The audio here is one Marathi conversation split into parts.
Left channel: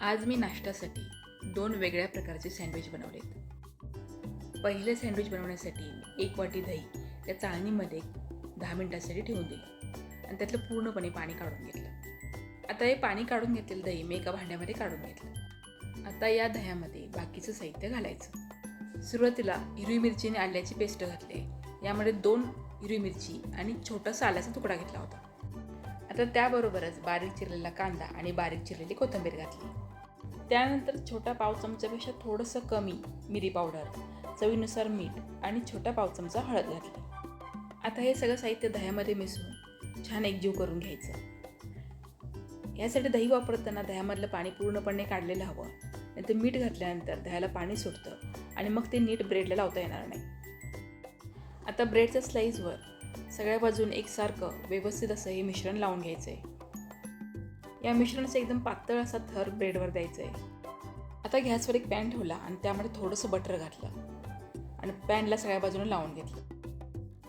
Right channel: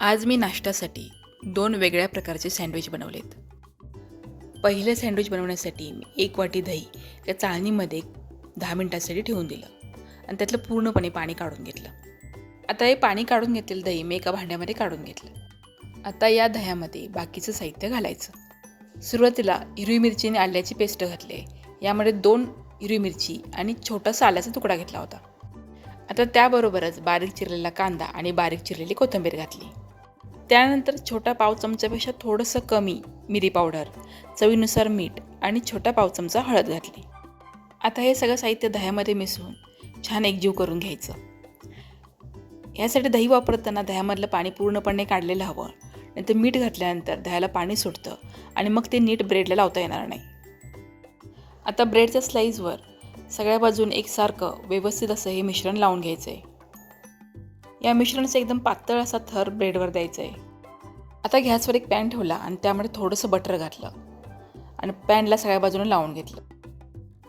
आज मी नाश्त्यासाठी दोन वेगळ्या प्रकारचे सँडविच बनवलेत. पहिलं सँडविच बनवण्यासाठी मी एक वाटी दही त्या चाळणीमध्ये दहा मिनटासाठी ठेवून दिलं आणि त्यातलं पूर्णपणे पाणी काढून घेतलं. आता हे पाणी काढून घेतलेलं दही मी एका भांड्यामध्ये काढून घेतलं. आता या दह्यामध्ये बाकीचं साहित्य घालायचं. सुरुवातीला हिरवी मिरची आणि आल्याची पेस्ट घातली. यामध्ये दोन हिरवी मिरची आणि छोटासा आल्याचा तुकडा घेतला होता. आता त्याबरोबरच बारीक चिरलेला कांदा आणि बारीक चिरलेली कोथिंबीर घातली. त्यानंतर छोटा पाव चमच्यापेक्षा थोडंसं कमी मिरी पावडर चवीनुसार मीठ आणि छोटा पाव चमचा हळद घातली. आता हे सगळं साहित्य दह्यामध्ये मिसळून छान एकजीव करून घ्यायचं. यासाठी दही वापरताना दह्यामधलं पाणी पूर्णपणे काढलेलं हवं नंतर मीठ घातल्यानंतर दह्याला पाणी सुटतं आणि मग ते नीट ब्रेडला लावता येणार नाही. आता ब्रेडच्या स्लाईजवर सगळ्या बाजून एकसारखं व्यवस्थित असं हे मिश्रण लावून घ्यायचं आहे या मिश्रणाचा एकदम पातळ असा थर ब्रेडवर द्यायचा आहे आता गॅसवर एक पॅन ठेवला आणि त्यामध्ये थोडंसं बटर घातलं आणि पॅनला सगळ्या बाजूने लावून घेतलं.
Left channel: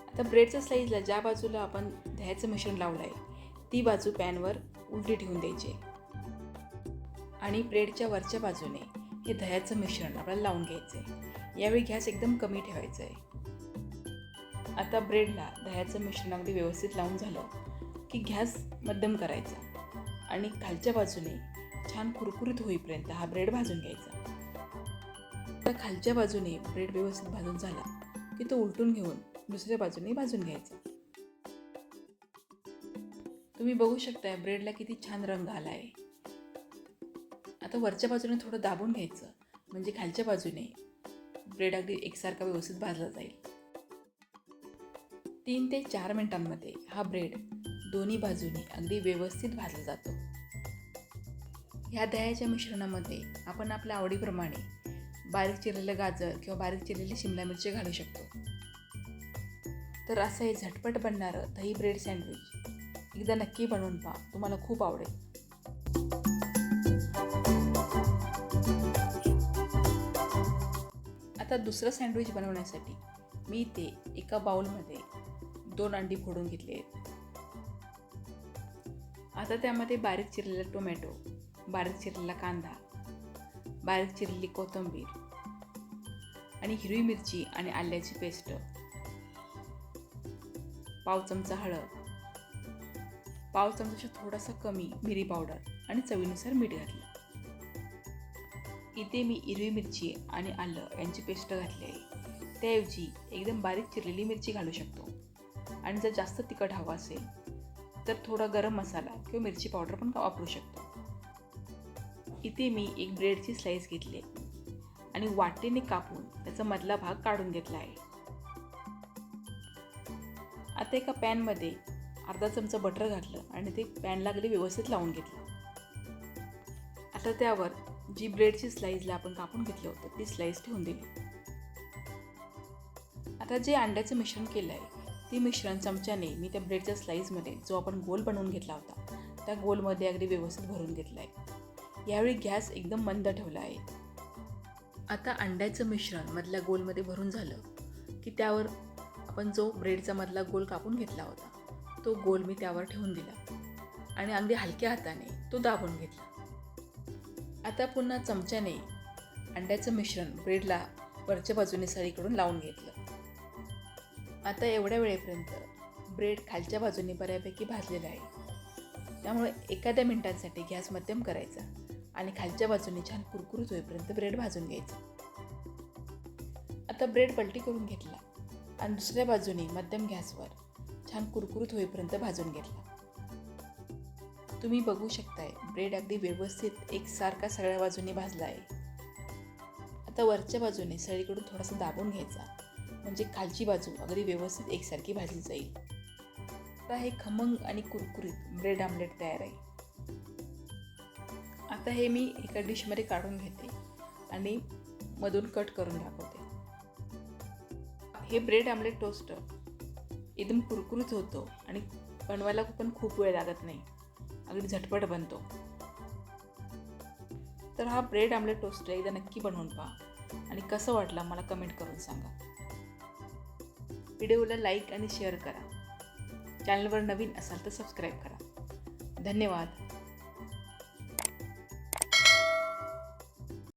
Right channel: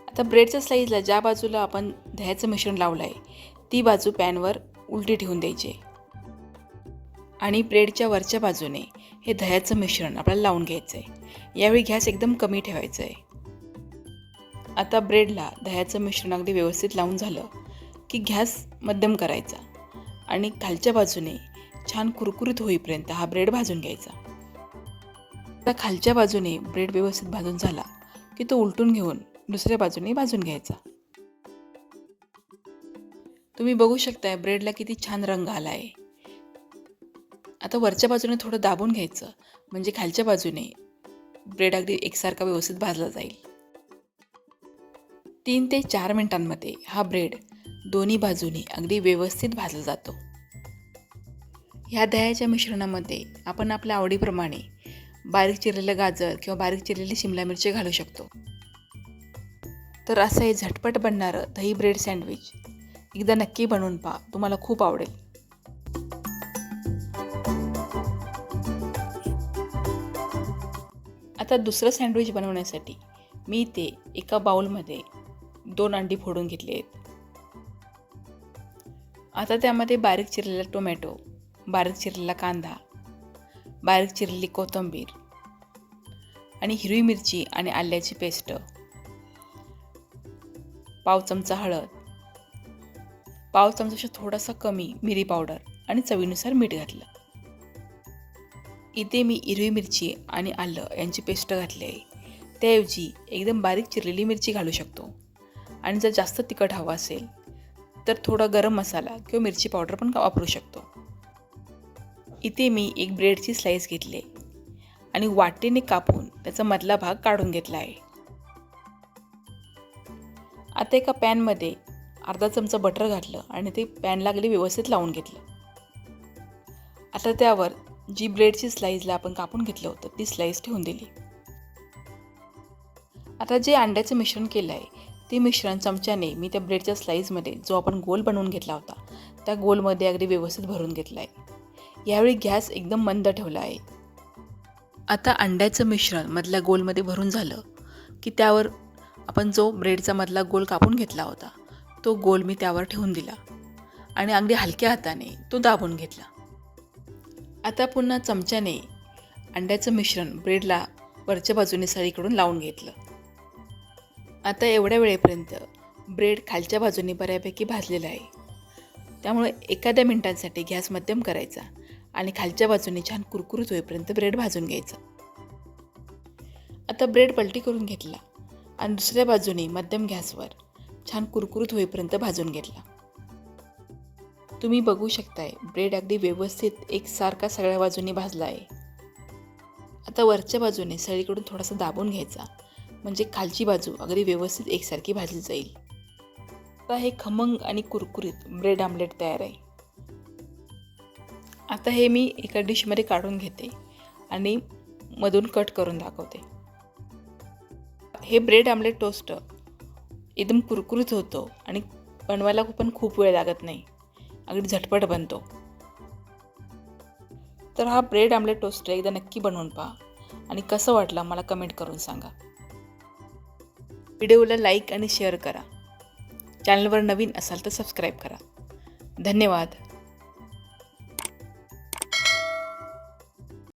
आता ब्रेडच्या स्लाईजला ज्या बाजूला आपण दह्याचं मिश्रण लावलं आहे ती बाजू पॅनवर उलटी ठेवून द्यायची. आणि ब्रेडच्या वरच्या बाजूने हे दह्याचं मिश्रण आपल्याला लावून घ्यायचं आहे यावेळी गॅस एकदम कमी ठेवायचं आहे आता ब्रेडला दह्याचं मिश्रण अगदी व्यवस्थित लावून झालं की गॅस मध्यम करायचा. आणि खालच्या बाजूने छान कुरकुरीत होईपर्यंत हा ब्रेड भाजून घ्यायचा. आता खालच्या बाजूने ब्रेड व्यवस्थित भाजून झाला की तो उलटून घेऊन दुसऱ्या बाजूने भाजून घ्यायचा. तुम्ही बघू शकताय ब्रेडला किती छान रंग आला आहे आता वरच्या बाजूने थोडं दाबून घ्यायचं म्हणजे खालच्या बाजूने ब्रेड अगदी एकसारखा व्यवस्थित भाजला जाईल. तीन ते चार मिनिटांमध्ये हा ब्रेड दोन्ही बाजूने अगदी व्यवस्थित भाजला जातो. ह्या दह्याच्या मिश्रणामध्ये आपण आपल्या आवडीप्रमाणे बारीक चिरलेलं गाजर किंवा बारीक चिरलेली शिमला मिरची घालू शकतो. तर असं हे झटपट बनणारं दही ब्रेड सँडविच एकदा नक्की बनवून पहा तुम्हाला खूप आवडेल. आता दुसरं सँडविच बनवण्यासाठी मी ते एका बाउलमध्ये दोन अंडी फोडून घेतली आहेत. आता त्यामध्ये बारीक चिरलेला टोमॅटो बारीक चिरलेला कांदा बारीक चिरलेली कोथिंबीर आणि हिरवी मिरची आणि आल्याची पेस्ट पाव चमचा हळद पाव चमचापेक्षा थोडासा कमी मिरी पावडर आणि चवीनुसार मीठ घातलं. इथे मी हिरवी मिरची आणि आलं यांची पेस्ट घातली. आहे त्याऐवजी एकदम बारीक चिरलेली मिरची घालू शकतो. आणि जर जास्त तिखट हवं असेल तर थोडा गरम मसाला किंवा मिरची पावडर पण वापरू शकतो. इथे मी एक ब्रेडची स्लाईस घेतली आणि वाटेने कापून त्याचा मधला भाग काढून घेतला आहे. आता एका पॅनमध्ये अर्धा चमचा बटर घातलं आणि ते पॅन लागले व्यवस्थित लावून घेतलं. आता त्यावर जी ब्रेडची स्लाईजला आपण कापून घेतलं होतं ती स्लाईस ठेवून दिली. आता जे अंड्याचं मिश्रण केलं आहे ते मिश्रण चमच्याने मी त्या ब्रेडच्या स्लाईजमध्ये जो आपण गोल बनवून घेतला होता त्या गोलमध्ये अगदी व्यवस्थित भरून घेतला आहे यावेळी गॅस एकदम मंद ठेवला आहे. आता अंड्याचं मिश्रण मधल्या गोलमध्ये भरून झालं की त्यावर आपण जो ब्रेडचा मधला गोल कापून घेतला होता तो गोल मी त्यावर ठेवून दिला आणि अगदी हलक्या हाताने तो दाबून घेतला. आता पुन्हा चमच्याने अंड्याचं मिश्रण ब्रेडला वरच्या बाजूने सळीकडून लावून घेतलं. आता एवढ्या वेळेपर्यंत ब्रेड खालच्या बाजूने बऱ्यापैकी भाजलेला आहे. त्यामुळे एखाद्या मिनिटांसाठी गॅस मध्यम करायचा आणि खालच्या बाजूने छान कुरकुरीत होईपर्यंत ब्रेड भाजून घ्यायचं. आता ब्रेड पलटी करून घेतला आणि दुसऱ्या बाजूने मध्यम गॅसवर छान कुरकुरीत होईपर्यंत भाजून घेतला. तुम्ही बघू शकताय ब्रेड अगदी व्यवस्थित एकसारखा सगळ्या बाजूने भाजला आहे. आता वरच्या बाजूने सळीकडून थोडासा दाबून घ्यायचा. म्हणजे खालची बाजू अगदी व्यवस्थित एकसारखी भाजली जाईल. आता हे खमंग आणि कुरकुरीत ब्रेड आमलेट तयार आहे. आता हे मी एका डिशमध्ये काढून घेते आणि मधून कट करून दाखवते. हे ब्रेड आमलेट टोस्ट एकदम कुरकुरीत होतो आणि बनवायला पण खूप वेळ लागत नाही. अगदी झटपट बनतो. तर हा ब्रेड आमलेट टोस्ट एकदा नक्की बनवून पहा आणि कसं वाटलं मला कमेंट करून सांगा. व्हिडिओला लाईक आणि शेअर करा. चॅनलवर नवीन असाल तर सबस्क्राईब करा. धन्यवाद.